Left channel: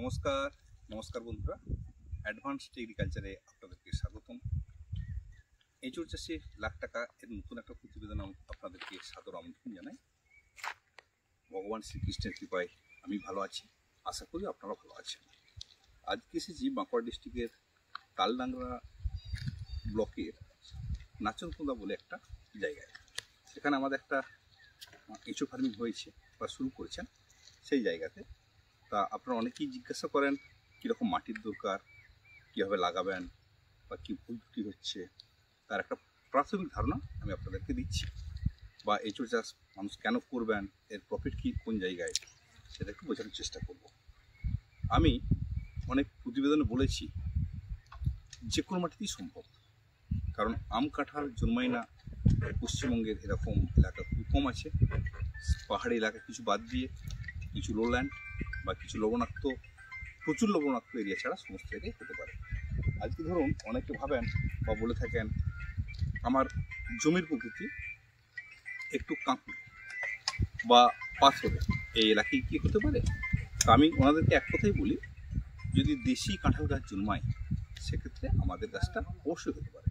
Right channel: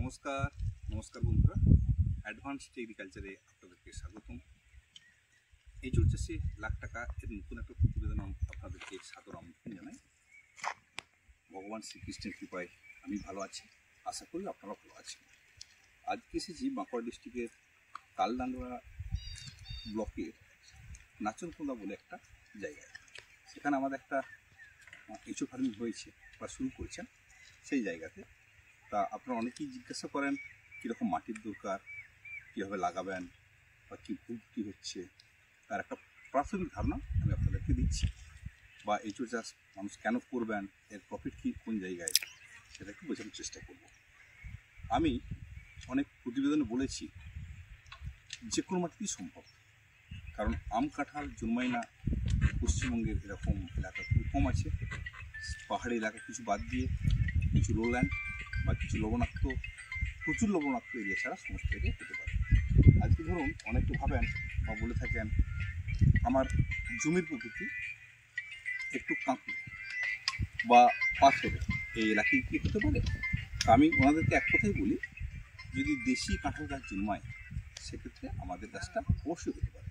নমস্কার নমস্কার বন্ধুরা, অ্যাডভান্সড এগ্রিকালচারে আপনাদেরকে স্বাগতম। এঁচোড় চাষে লাখ টাকা এর নতুন একটা প্রতিবেদন আপনাদেরকে সাদর আমন্ত্রণ জানাই। ভগবান শ্রীকৃষ্ণের কৃপায় আমি ভালো আছি, আশা করি আপনারা ভালো আছেন। আজকে এসেছি বাঁকুড়া ডিস্ট্রিক্টের তালডাংরা ব্লকের নাচনকোঁদা বলে একটা জায়গায়। সেখানে আমাদের একটা এঁচোড় ফার্মিং হয়েছে বা শুরু করেছেন সেই জায়গাতে। তা আপনারা অনেকেই জিজ্ঞাসা করেন কীরকম মাটির দরকার, কীভাবে লাগাবেন বা কী ভুল ত্রুটি হচ্ছে, তার একটা প্রাথমিক ধারণা আমি আপনাদেরকে দিচ্ছি। বা এঁচোড় চাষ মানুষ কেন করবেন, এর প্রফিট কী কোন জায়গায়, সেটা একটু বোঝানোর চেষ্টা করব। আমি অনেক প্রতিবেদনে বলেছি যে কোনো মাটিতেই সম্ভব, কারণ আম কাঁঠাল জন্মায় না পশ্চিমবঙ্গের এরকম এলাকা খুব কম আছে। পাহাড়ি এলাকা কিছু বাদ দিয়ে কিছু লোল্যান্ড বা কিছু লবণাক্ত, প্রচুর লবণাক্ত এরিয়া ছাড়া সমস্ত জায়গায় হতে পারে। আজকে ধরুন অনেকে ভাবেন বা বলে থাকেন আমার জমির প্রকৃতি একটু কাঁকুড়ে বা পাথরে, এই এলাকায় কী হতে পারে। তা আমি ওনাদেরকে এক কথাই বলি, যদি দেশি কাঁঠাল গাছ জন্মায় সেক্ষেত্রে আমাদের গাছটা অবশ্যই হতে পারে।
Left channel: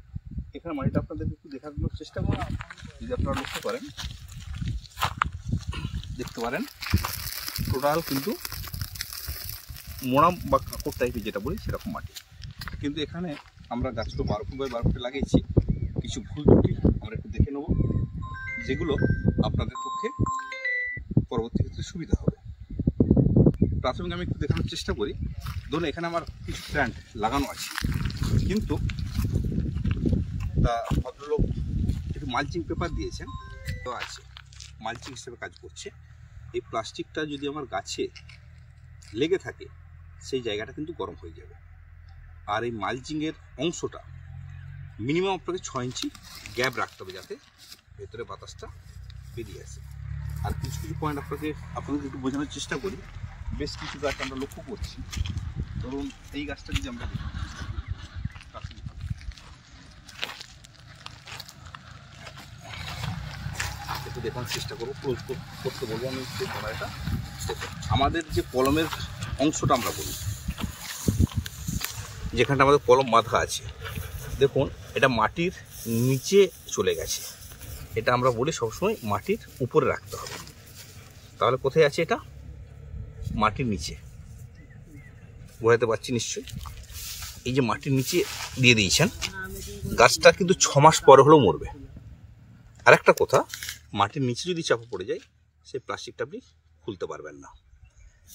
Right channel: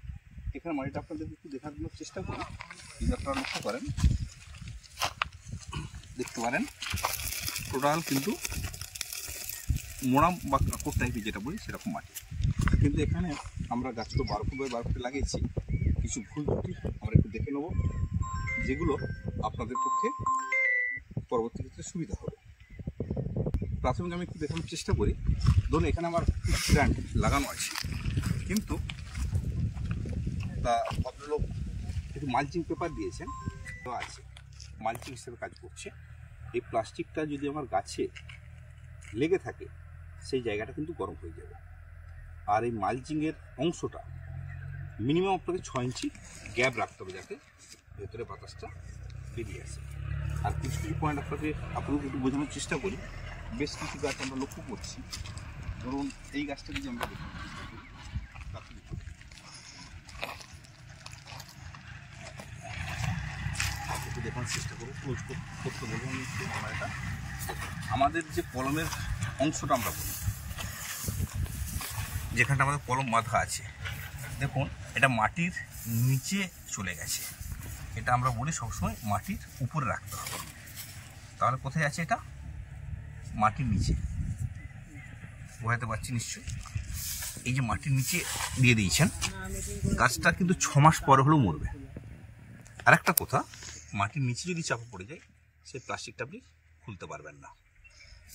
এখানে মাটিটা আপনাদেরকে একটু দেখানোর চেষ্টা করি। যদি আপনারা লক্ষ্য করেন, দেখতে পারেন টোটাল কিন্তু মোড়াম বা কাঁকড় টাইপের যেটা বলি সেরকম মাটি। কিন্তু এখানে আমরা গাছগুলো 12 ফুট বাই 12 ফুটে লাগিয়েছি। কিছু ভুল ত্রুটি আমরা একটু দেখে নেব, যেগুলো আপনাদের পক্ষে পরবর্তী ক্ষেত্রে সুবিধা হবে। প্রাথমিক আমি একটু দেখানোর চেষ্টা করি। ধরুন এখানে আমার কিছু প্ল্যান্ট লাগানো আছে, কিন্তু তা ভদ্রলোক একটু মালচিং পেপার দিয়েছেন, তো আছে মালচিং হিসেবে কাজ করছে। এই প্লাস্টিকটা যদি আমার গাছে লেগে থাকে সেই জায়গাটা কিন্তু গরম হয়ে যাবে। আর এই মালচিংয়ের অংশটা মিনিমাম আপনাকে 6 ইঞ্চি গ্যাপ রাখতে হবে, যাতে ভেতরে বাতাসটা বেরিয়ে আসে। আর কিছু কিছু পয়েন্ট আপনাদের একটু বোঝানোর চেষ্টা করি। বেশ কিছু গাছ আমরা লক্ষ্য করছি। ধরুন এই গাছটা যদি আমরা দেখি, একটু দেখানোর চেষ্টা করবো, ক্লোজ করতে বলবো আমি একটু। ক্যামেরাটা আমাদের যে কলমের অংশটা আমরা বলি, যেখানটা আমাদের কলম বাঁধা আছে, দেখুন এটা মাটির নিচে চলে গেছে। এটা আমরা বলি সবসময় মাটির উপরে রাখতে হবে। তাহলে কোথায় আছে? এটা মাটির নিচে, বোঝাতে পারছি নিশ্চয়ই। এই যে মাটির নিচে দিয়ে দিয়েছেন, গাছটা কিন্তু 6 মাস পরে হলেও মরবে। আরেকটা কথা, মাটির নিচে যদি চাপা পড়ে যায় সেই প্লাস্টিকটা আপনি খুলতে পারবেন না।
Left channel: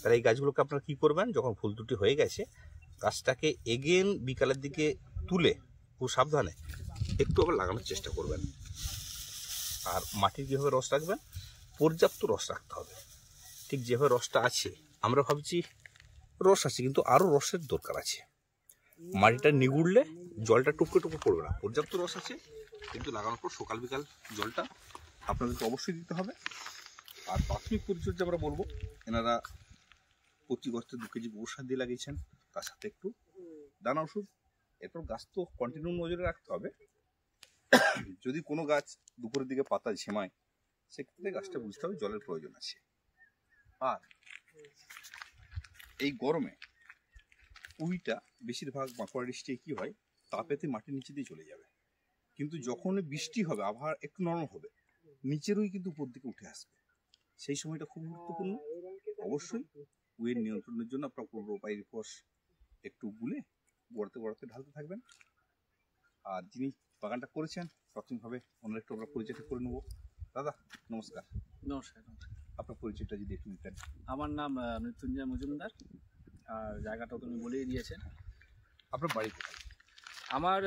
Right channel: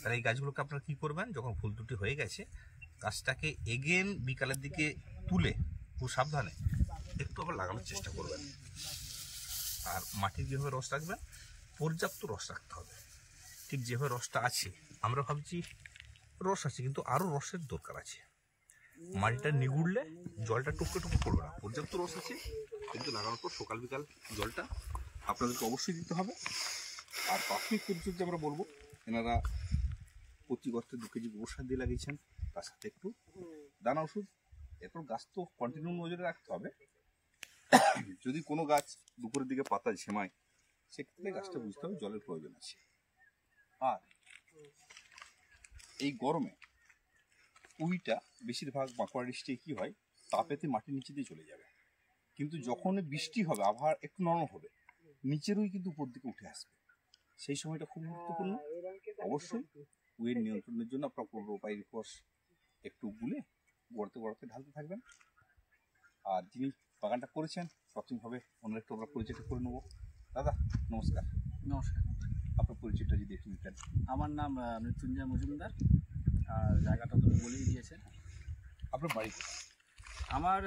তাহলে এই গাছগুলোকে আপনারা কী করবেন, যখন ফুল দুটি হয়ে গেছে গাছটাকে এগেন বিকালের দিকে তুলে খুব সাবধানে একটু আবার লাগানোর চেষ্টা করবেন। আর মাটির কীভাবে রস রাখবেন, পর্যাপ্ত রস রাখতে হবে। ঠিক যেভাবে রসটা আছে, আমরা ভাবছি রস আছে, কিন্তু আরও রসের দরকার আছে। মাটিটা নিগুড়লে জলটা টুকরো টুকরো পড়বে না। পর্যাপ্ত রস আছে, কিন্তু লাগানোর পর সকাল বিকাল জলটা আপনাদেরকে অবশ্যই দিতে হবে। আর প্রাথমিক পরিচর্যা আমরা বলবো, এনারা প্রতি গর্তে 2 কেজি গোবর সার দিয়ে লাগিয়েছেন, তার সাথে একটু দানা ওষুধ। এরপর গাছ তো কন্টিনিউ নজরে রাখতে হবে। যদি কোনো গাছ দুপুরের দিকে পাতা ঝেমায়, সেক্ষেত্রে গাছটা বুঝতে হবে জলের প্রয়োজন আছে। আর এই গরমে উইটা বেশিরভাগ বাঁকুড়া ডিস্ট্রিক্টে কী হয়, তাপেতে মাটির নিচে দিয়ে চলে যাবে। কিন্তু যখন বৃষ্টি হবে, আবহাওয়া একটু নরম হবে, নিচেরই কিন্তু উপর দিকে উঠে আসবে। সেই সময়টা খুব গুরুত্বপূর্ণ। অবশ্যই উইয়ের নিয়ন্ত্রণের জন্য আপনার পাইরিফস একটু গুলে গড়াতে গড়াতে ঢালতে থাকবেন। আর যিনি বাগানটা করেছেন প্রাথমিকভাবে ওনার একটু আমরা পরিচয়টা করে নেবো। দাদা নমস্কার। নমস্কার। আপনার পরিচয়টা যদি একটু দিতেন। আমার নাম মৃত্যুঞ্জয় মজুমদার, আর জায়গাটা তুমি বলেই দিয়েছেন। আপনার বাড়ি কোথায়? আমার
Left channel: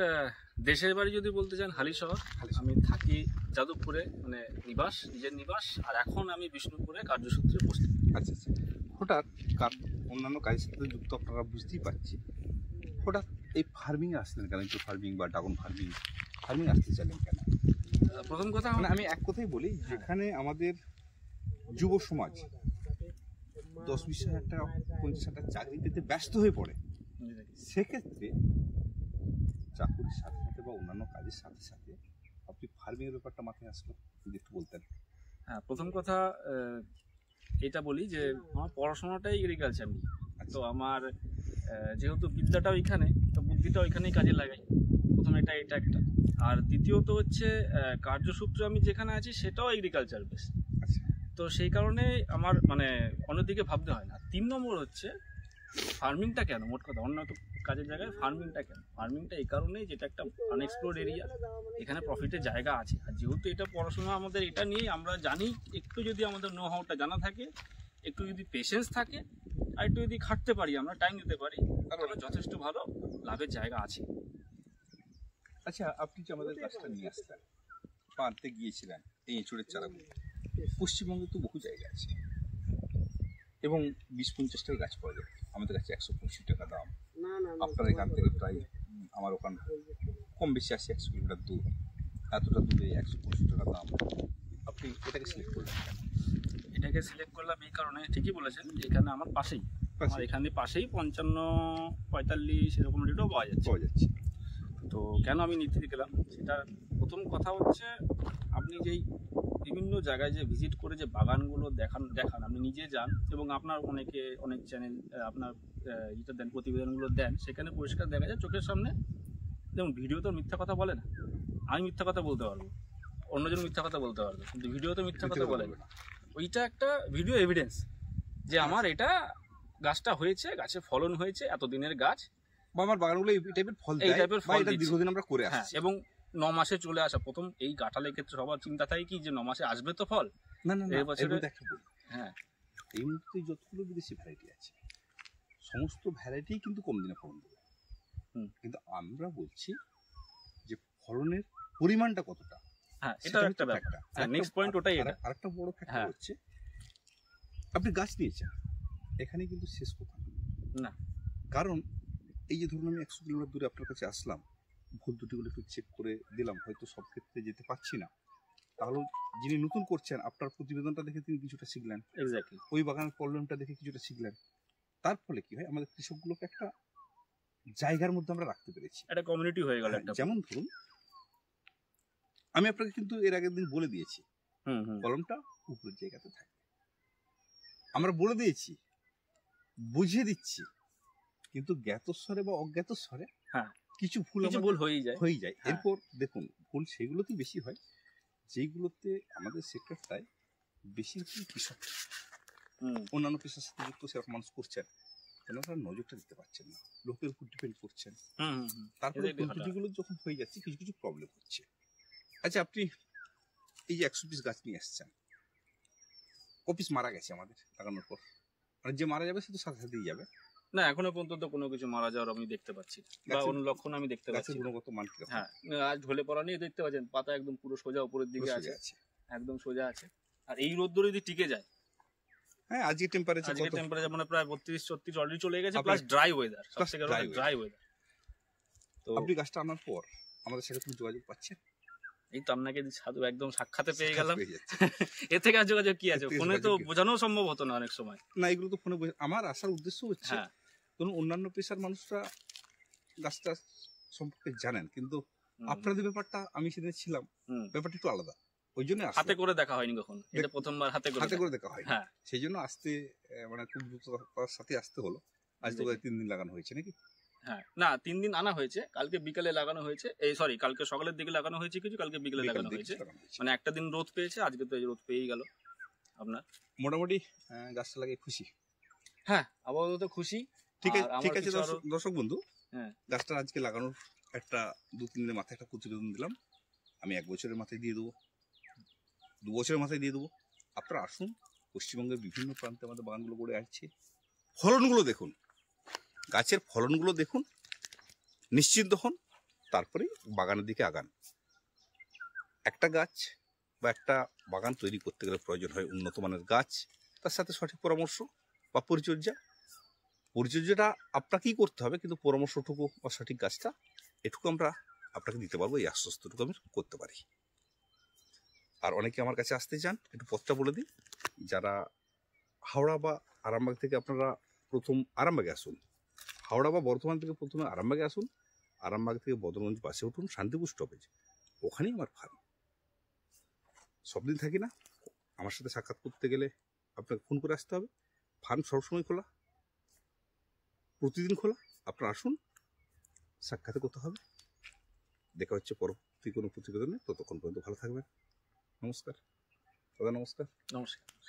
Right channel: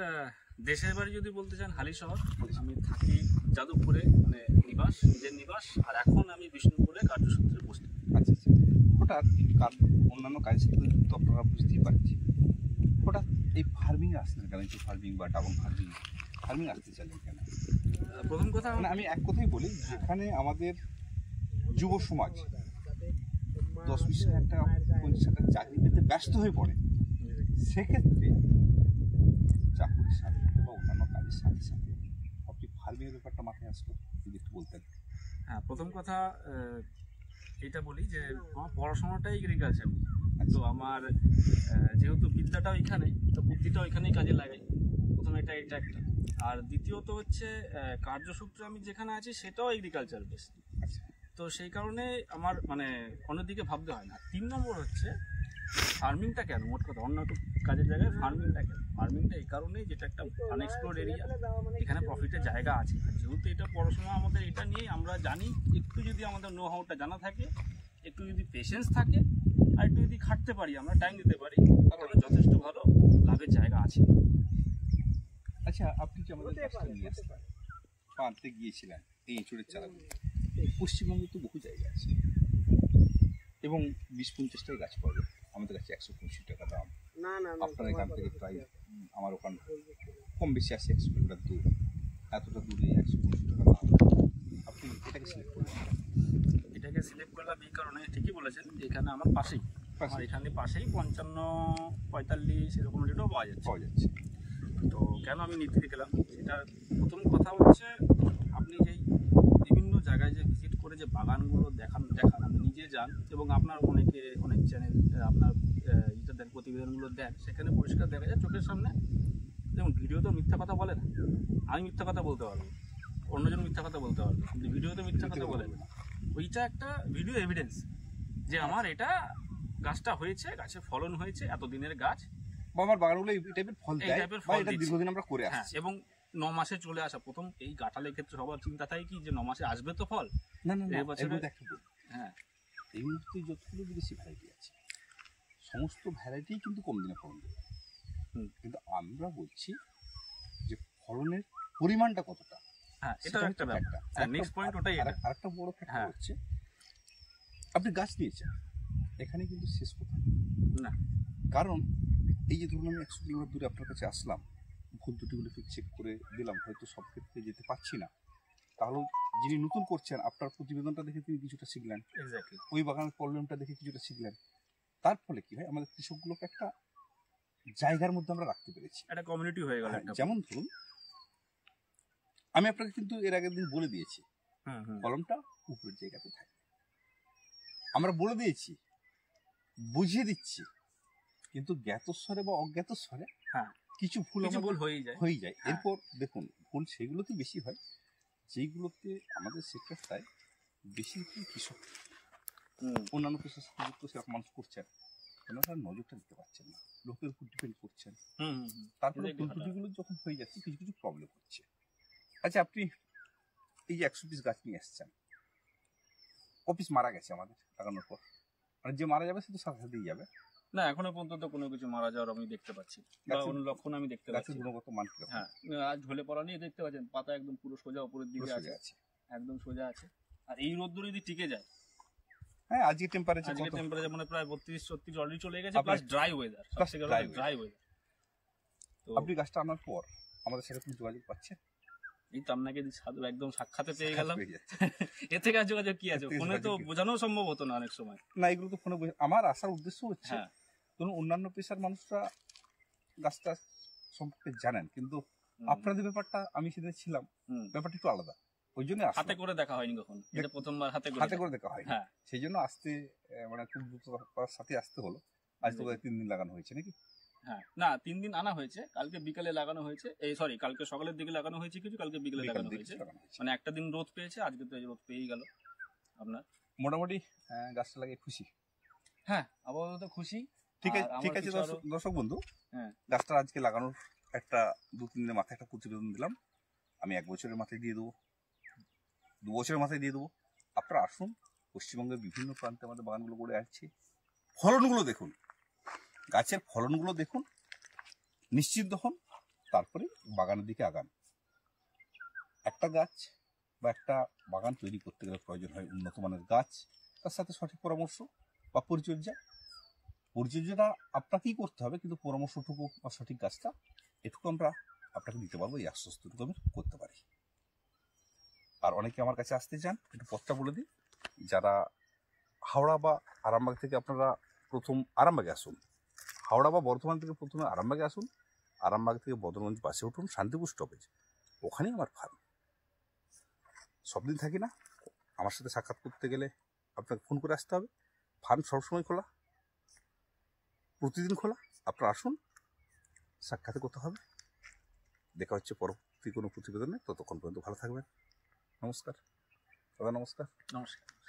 দেশের বাড়ি যদি বলতে চান হালিশহর। আমি থাকি যাদবপুরে, মানে নিবাস, নিজের নিবাস। আর এখন আমি বিষ্ণুপুরে কার্যসূত্রে বসছি। আচ্ছা আচ্ছা। হঠাৎ অন্যান্য কাজের সাথে যুক্ত, আপনারা বুঝতেই পারছি, হঠাৎ এই ফার্মিংয়ে আসলেন কেন? একটু ফার্মিং বা ড্রাগন ফার্মিং আসতে চাইলেন কেন? প্রথম কথা মানে আমি এক কথাই বলি, যেখানে আমাদের যুব সমাজ 10-20 হাজার টাকা 50 হাজার টাকা চাকরি পেতে ব্যস্ত হয়ে পড়ে, সেক্ষেত্রে চাকুরির সাথে সাথে বা অন্যান্য কাজের সাথে সাথে আপনি ফার্মিংয়ের ব্যাপারটা মাথায় আসলো, যদি একটু বলতেন। হ্যাঁ, প্রথম কথা এটা বলি যে আমার পড়াশোনাটাই এগ্রিকালচার নিয়ে। তো আমার যেহেতু বিদ্যাটাও এখানে, বুদ্ধিটাও এখানেই কাজে লাগাই। প্রথমে এটা একটা, আর দ্বিতীয়ত হচ্ছে কার্যসূত্রে আমি যেখানে আছি সেটাও এগ্রিকালচার বেস। আচ্ছা। তো সেই কারণে আমার মানে অন্যদিকে ভাবতে হয় না। 3 নম্বর হচ্ছে ফার্মিংটা কেন, মোট কথা অন্য তো কাজের জায়গায় ফার্মিংটা কেন, ফার্মিংটা এই কারণেই যেটা একটা আনএক্সপ্লোর্ড এরিয়া, এখানে প্রফিটের জায়গা আছে। আর যেহেতু এটা পড়াশোনা আমাদের এটা নিয়ে আমরা জানি, একটু যদি আমাদের নো হাউটা জানা থাকে, একটু যদি পেশেন্স থাকে, আর একটু যদি খাটতে পারি, আমরা টাইম দিতে পারি, তাহলে যথেষ্ট ভালো লাভের জায়গা আছে। আচ্ছা, আপনি যে আমাদের গাছটা নিয়ে আসলেন বা আনতে গিয়েছিলেন এই এঁচড়ের চারাগুলো, পশ্চিমবঙ্গে তো বহু জায়গা আছে এবং 20-50 টাকা গাছ পাওয়া যায়। আমাদের কাছে 125 টাকা দাম। আপনার এখান থেকে প্রায় আমার ওখান কম বেশি আসে 100 কিলোমিটার দূর, এতটা দূরে 125 টাকা দাম। আপনি এটাকে সিলেক্ট করলেন? এটাকে সিলেক্ট করলাম এই কারণে, ঠিকই বলেছেন, যে এখানে আমার পাশেই, এখানে পাশেই 55-45 এরকম রেটও পাওয়া যাচ্ছে। তো কেন আমি নিতে গেলাম, সেটা প্রথম কথা হচ্ছে, আপনি যেই বিভিন্ন জায়গায় যে ভিজিট করে যে বাগানগুলো দেখান আপনি নিজে যান, এবং আপনার অনেক চ্যানেল আপনার এটা দেন, প্রতিবেদনগুলো দেন, সেখানে পরিষ্কার দেখা যায় চোখের সামনে। যেমন ভিডিও তো মিথ্যা কথা বলে না, আমি মিথ্যা কথা বলতে পারবো, অন্যজন মিথ্যা কথা বলতে পারবে, কিন্তু ভিডিও তো মিথ্যা কথা বলে না। ওইটা একটা ভিডিও এভিডেন্স যে আমার এটা গাছটা হয়েছে, গাছে ফলন হয়েছে, এতদিনের গাছ, বা আমার বাগানগুলো এই টাইপের ফল দেয়, বা এটা দীর্ঘদিন আমরা করে আসছি। এবং 9 মাসে চলে আসা। প্রথম এই কাঁঠালের ক্ষেত্রে সবার চিন্তা থাকে কি, যে 9 মাসে আসবে তো ফল। না, এর মধ্যে একটা বলি, হ্যাঁ, এই মুহূর্তে যতগুলো বিদেশি ভ্যারাইটি আছে, সমস্ত ভ্যারাইটি কিন্তু কম দিনে ফলন দেবে। কিন্তু আমরা বলছি যে ফলনের পরিমাণটা কতটা। হ্যাঁ, এটা একটা ব্যাপার। নেক্সট পয়েন্ট ওটাই। আরেকটা বড় ফ্যাক্টর হচ্ছে, আপনি গাছ নিয়েছেন, এখানে কিন্তু শেষ কথা না। কারণ এই যে ধরুন আমি 100 কিলোমিটার দূরে আপনার কাছে আসলাম, ভুল ত্রুটিগুলো একটু চেক করে দিলাম, হয়তো সব ক্ষেত্রে যেতে পারছি না, তাহলে যিনি নতুন করছেন আপনার প্রতিবেদনটা দেখে তিনি কিছুটা শিখলেন, এক্স্যাক্টলি ওই বাগানের প্রবলেমটা দেখে কিছুটা শিখলেন। তার ফলে কি হয়, আমাদের কৃষকগুলোকে একটা জায়গার মধ্যে আমরা রাখতে পেরেছি, একটা কমিউনিটি হয়ে গেল। যেমন ধরুন আমি আপনাকে কিন্তু এর আগের দিন বলে দিয়েছি কলমটা উপরের জায়গাতে থাকে, আমরা বলে দিয়েছি, বুঝিয়ে দিচ্ছি, কিন্তু জ্ঞাতস্বরে বা অজ্ঞাতস্বরে কিছু ভুল হয়ে যায়। এরপর দেখুন, ভুল সেগুলোতেই বেশি হয় যেইগুলোতে আমাদের সেক্টরটায় বেশিরভাগ কৃষক, অন্যান্য পেশার সাথে যুক্ত সেরকম মানুষ করছেন, ওনারা নজরটা দিতে পারছেন না, লোকের উপর ডিপেন্ড করছেন। তারপরে ভুল ত্রুটিগুলো যখন হয়ে যাচ্ছে, কিছু কিছু প্রবলেম হচ্ছে। আচ্ছা, আপনি এই যে 100 পিস গাছ নিয়ে এসছেন, কপিস মারা গেছে আমাদের লাগানোর পর, মানে যে মারা যাবে সে তো সাথে সাথেই যাবে না? এখনো পর্যন্ত কোনো কিছু মারা যাওয়ার আমি দেখতে পাচ্ছি, বা কোনো লক্ষণ আমি দেখতে পাচ্ছি। গাছের গুণগত মান কি? হ্যাঁ, আজ ঢলে পড়া নিয়ে দেখতে পাচ্ছেন, পাতা একদম পুরো সোজা উপরের দিকে আছে, একদম সোজা আছে। আর এই রোদ্দুর যদি টিকে যায়, হ্যাঁ, আজকে টেম্পারেচার মানে প্রায় 32-34 অলরেডি চলে গেছে, plus dry weather, dry weather. তো আপনি গাছটা আনার পর আমাদের সাথে কোনো যোগাযোগ পাচ্ছেন? এই তো আপনাকে সাধু একদম সাক্ষাতে পেয়ে গেলাম। এর থেকে আর যোগাযোগ কি আছে? ফোনে তো বোঝানো সম্ভব হতো না অনেক সময়। না, এগুলো তো ফোনে আমার আসার উদ্দেশ্য হচ্ছে, ধরুন অন্যান্য পেশার মানুষরা গাছটা সম্পর্কে জানেন, কিন্তু আপনাদের ব্যাপারটা, আমি সেদিন ছিলাম, ব্যাপারটা একটু আলাদা, ওই জন্য হাতে করে দেখা হয়নি কখনো, এটা প্রথমবার হাতে করে দেখা হয়। সেই জন্য আসতে মানে খুব দ্রুততার সাথে আসতে হলো। আজ তো 3 দিন লাগানো হয়েছে নাকি? হ্যাঁ, না 3 দিন আনা হয়েছে, কালকে বিকালে লাগানো হয়েছে, কালকে সকালের দিকে লাগানো হয়েছে কিছু, কালকে বিকালে লাগানো হয়েছে, মানে একটা দিন রোদ পেয়েছে, আজকে তো এই রোদ পেয়েই গেল। আপনার মোটামুটি গাছটা লাগিয়ে খুশি? হ্যাঁ, আপাতত খুশি। ঠিক আছে দর্শক বন্ধু, গাছটা আজকে লাগানোর একটা 2-3 দিনের মাথায় একটা প্রতিবেদন দিলাম, আমি 1 বছরের মাথায় দিয়ে দেবো, 2 বছরের মাথায় দিয়ে দেবো। আপনারা আসুন, পশ্চিমবঙ্গের বিভিন্ন প্রান্তে আমাদের বাগানগুলো গড়ে আসছে, ফলনগুলো দেখুন, গাছের ফলনগুলো দেখুন, নিশ্চিন্ত হন, তারপরে বাগানের দিকে আগান। একটা গাছ বা একটা বাগান তৈরি করতে গেলে প্রয়োজন হয় উন্নত মানের গাছ, তার সাথে সঠিক পরামর্শ বা পরিচর্যাটা আপনাকেই করতে হবে, কিন্তু পরামর্শটুকু বা সঠিক গাছটা এটুকু আমরা আপনাকে দিতে পারবো, এই আশ্বস্তটুকু আমি করতে পারি। আর অনেকে আমার কাছে আসতে চান, একটু পথটা বলে দিই। যারা হাওড়া বা আরামবাগ থেকে, আপনারা প্রথম আরামবাগে আসুন, হাওড়া বা বর্ধমান থেকে প্রথমে আরামবাগে আসুন, আরামবাগ থেকে বদরগঞ্জ বাসে উঠুন, শান্তিপুর স্টপেজ, ওখানেই আমার ফার্ম। সব দিন থাকি না, আমার সাথে সাক্ষাৎ করতে গেলে আপনাকে ফোন করে আসতে হবে। ফার্ম সবসময় খোলা, প্রতিদিন খোলা, আপনারা আসুন, সাক্ষাৎ করতে হবে। দেখা হচ্ছে পরবর্তী কোনো প্রতিবেদনে, ততক্ষণ পর্যন্ত ভালো থাকবেন। নমস্কার দাদা, নমস্কার। নমস্কার।